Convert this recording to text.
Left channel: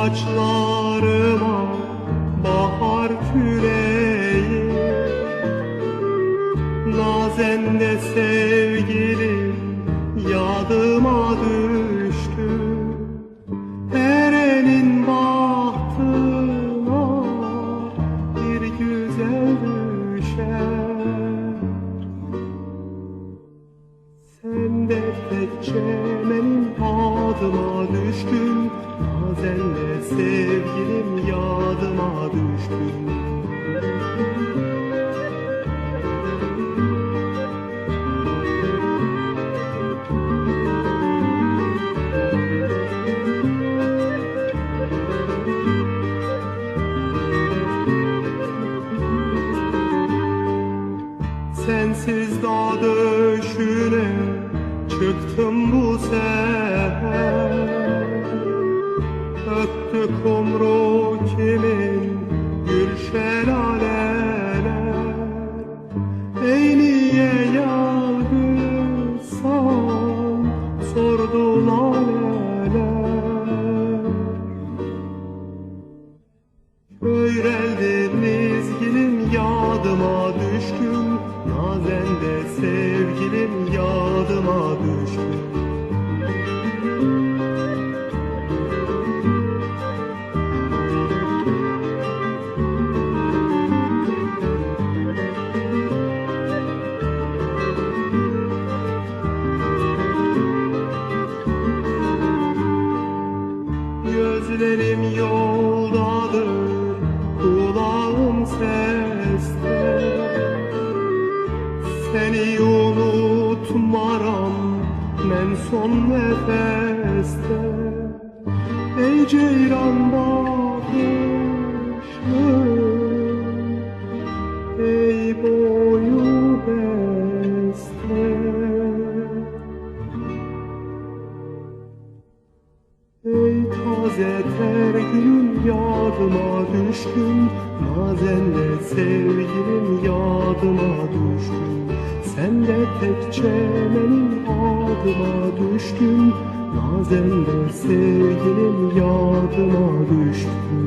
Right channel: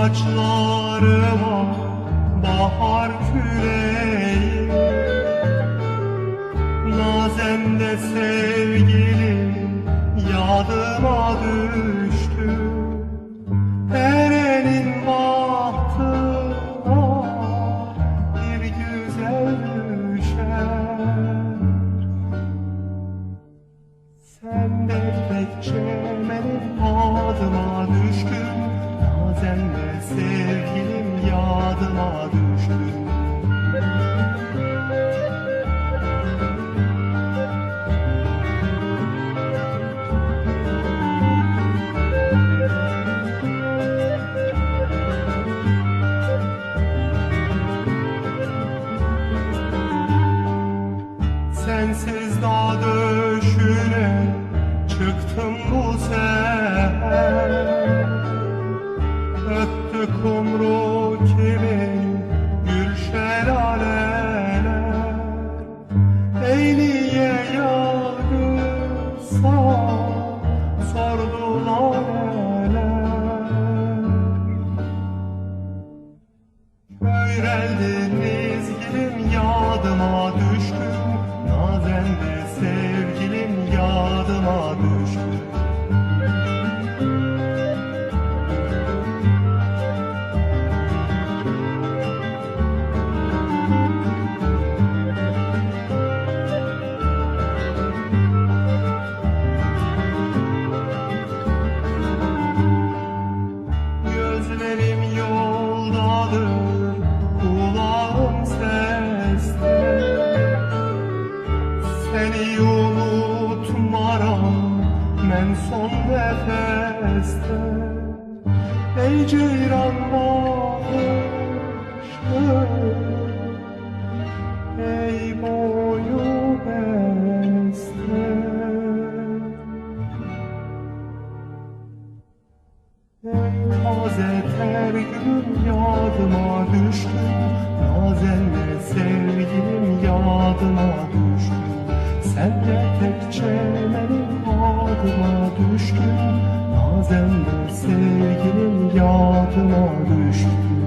saçlarıma bahar küreği Nazen de sevgilim yadıma düştü. Erenin bahtına bir güzel düşer. Sen de tekçe benim adıma düştün De sevgilim yadıma düştün Sensiz dağ döşüne çıktım kumru kimin gül şelaleler? Ey niye yargısam sordu laleler Köyreldi dizgilim yadıma düştüm Nazen de Seni unutmaram ben son nefeste. Ey ceyran bakışlı Ey boyu beste. Ey taze ter gülüm yadıma düştün Nazen de sevgilim yadıma düştün Sen de tekçe benim adıma düştün. Nazen de sevgilim yadıma düştün